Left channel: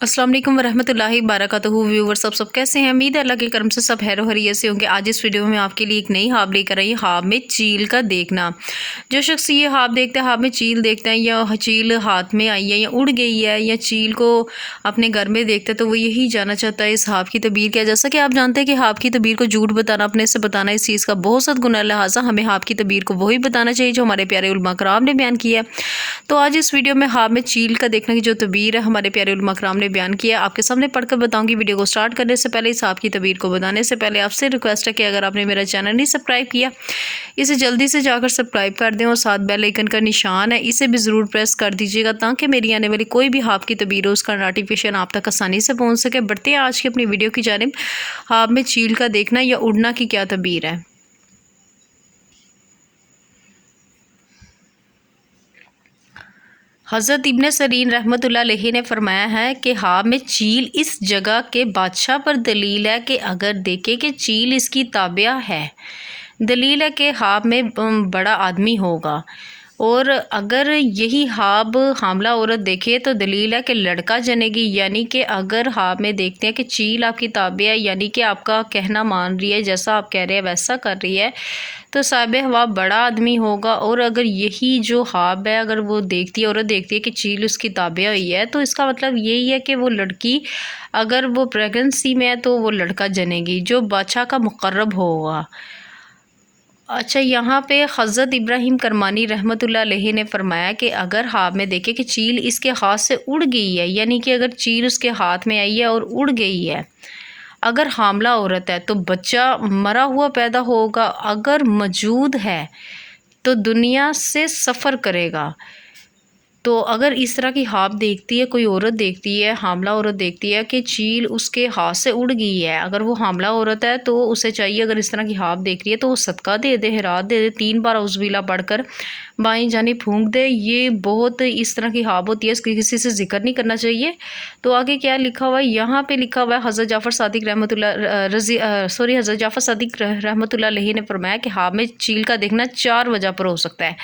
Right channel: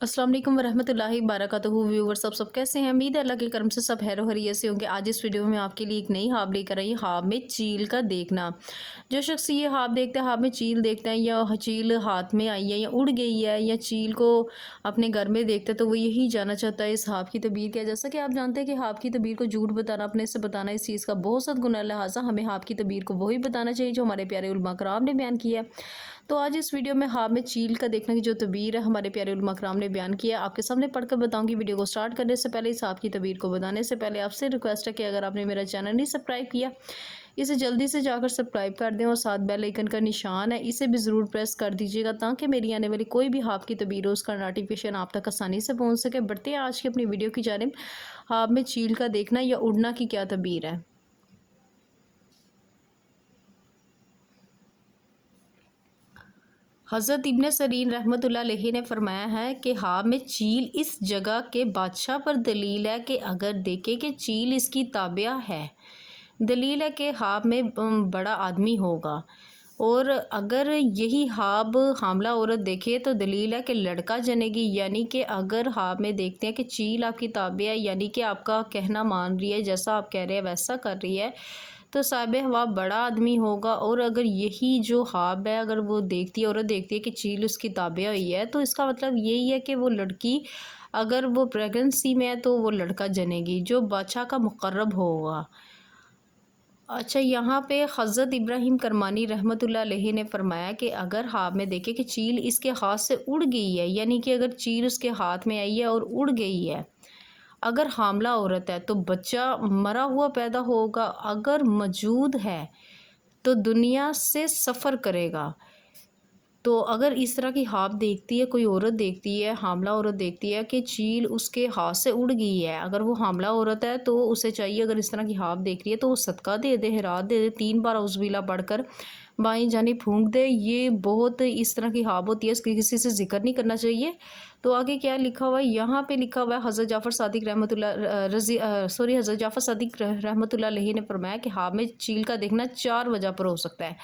अस्सलाम वालेकुम वरहमतुल्लाहि वबरकातुहू। व्यूवर्स सब कैसे हैं? उम्मीद है अल्लाह के करम से सब खैर खैरियत से होंगे। आज इस वीडियो में आपके लिए एक नई ख्वाब लेकर आई, ख्वाब में चील का देखना। जो शख्स ये ख्वाब देखते हैं, ख्वाब में चील देखते हैं या चील हाथ में आई है या उड़ गई है या चील को अपने घर में देखते हैं, तो वो यही जानना चाहता है इस ख्वाब की तबीर क्या। जैसा कि आप जानते हैं कि ख्वाब की तबीर को झूठ बताना, अपने से बताना, इस चीज़ का बहुत सख्त गुनाह, लिहाजा हमें ख्वाब की तबीर को वही बताना चाहिए जो हमारे प्यारे उलमा कराम ने बयान किया है। तो आज इस वीडियो में ख्वाब में चील का देखने की जो तबीर है हमारे प्यारे उलमा कराम ने बयान किया है, आपके सामने पढ़कर बताऊंगी। वीडियो को स्टार्ट करने से पहले, इस ख्वाब की तबीर को बताने से पहले आपसे रिक्वेस्ट है कि अगर आपने मेरा चैनल नहीं सब्सक्राइब किया, इसे जल्दी से जाकर सब्सक्राइब कर दें और साथ बेल आइकन का निशान है, इसे भी ज़रूर प्रेस कर दीजिएगा ताकि मेरी आने वाली कोई भी ख्वाब की तबीर हो उसका नोटिफिकेशन आप तक आसानी से पहुँच सके। बढ़ते हैं आज की अपनी वीडियो की जानिब। ख्वाब में चील का देखना या उड़ना की क्या तबीर है। हज़रत इब्न सरीन रहमतुल्लाह अलैहि ने फरमाया है कि ख्वाब में चील इस जगह के बादशाह पर दलील है कि अगर देखे कि चील इसकी ताबिया है, दलील है कि ख्वाब में बड़ा आदमी होगा। और अगर यही ख्वाब हामला औरत देखे तो दलील है कि लड़का जनेगी। यानी कि अगर ख्वाब में देखते हैं कि चील आपकी ताबिया है, यानी कि आपका कहना मान रही है, जैसा आप कह रहे हैं वैसा कर रही है, तो साहिब ख्वाब बड़ा आदमी होगा। और अगर यही जो ख्वाब है अगर वो देखती है, औरत देखती है कि चील उसकी ताबिया हुई है, तो इसका मतलब यही है कि वो लड़की अगर वो प्रेगनेंसी में है तो वो लड़का जनेगी जो बादशाह का मुकर्रब होगा। अच्छा, यहाँ पे हज़रत इब्राहिम करमानी रहमतुल्लाह अलैहि ने फरमाया कि अगर ख्वाब में देखे कि चील इसके हाथ से उड़ गई है, यानी कि अगर चील उसके हाथ में आई है और उड़ गई है, अगर हामला औरत है तो बच्चा मरा हुआ पैदा होगा, अगर मौजूद है तो दुनिया से सफ़र करेगा। तो अगर इस तरह की ख्वाब देखती है, कोई औरत देखती है, हामला औरत देखती है कि चील उसके हाथ से उड़ गई है, अगर वो हामला औरत है तो उसे चाहिए, अगर इस तरह की ख्वाब देख रही है तो वो सदका दे दे, हिरात दे दे, 3 बार औज़ुबिल्लाह पढ़कर बाईं जानिब फूंक दे। ये बहुत इस तरह की ख्वाब होती है, इसकी किसी से जिक्र नहीं करना चाहिए। तो आगे क्या लिखा हुआ है, यहाँ पे लिखा हुआ है हज़रत जाफ़र सादिक हज़रत जाफ़र सादिक रहमतुल्लाह अलैहि ने फरमाया कि ख्वाब में चील का देखना 4 वजह पर हो सकता है।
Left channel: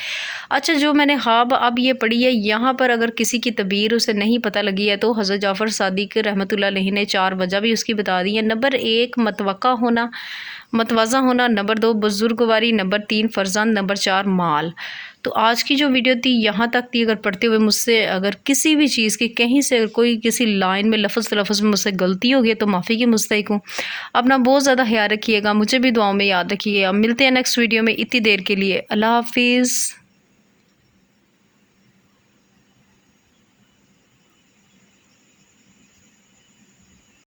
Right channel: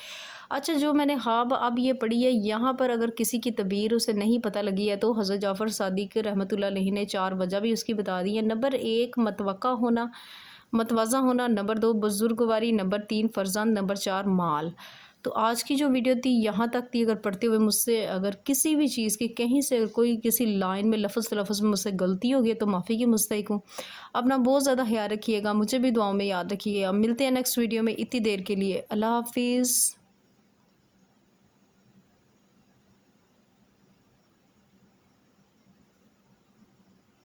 अच्छा, जो मैंने ख्वाब अब ये पढ़ी है, यहाँ पर अगर किसी की तबीर उसे नहीं पता लगी है तो हज़रत जाफ़र सादिक रहमतुल्लाह अलैहि ने 4 वजह भी उसकी बता दी है। नंबर 1 मतवक्का होना, मतवाज़ा होना, नंबर 2 बुजुर्गवारी, नंबर 3 फ़र्जंद, नंबर 4 माल। तो आज की जो वीडियो थी यहाँ तक थी। अगर पढ़ते हुए मुझसे अगर किसी भी चीज़ की कहीं से कोई किसी लाइन में लफ्ज़ तलफ़्फ़ुज़ में मुझसे गलती हो गई तो माफ़ी की मुस्तहिक हूँ। अपना बहुत ज़्यादा ख्याल रखिएगा, मुझे भी दुआओं में याद रखिए। अब मिलते हैं नेक्स्ट वीडियो में। इतनी देर के लिए अल्लाह हाफ़िज़।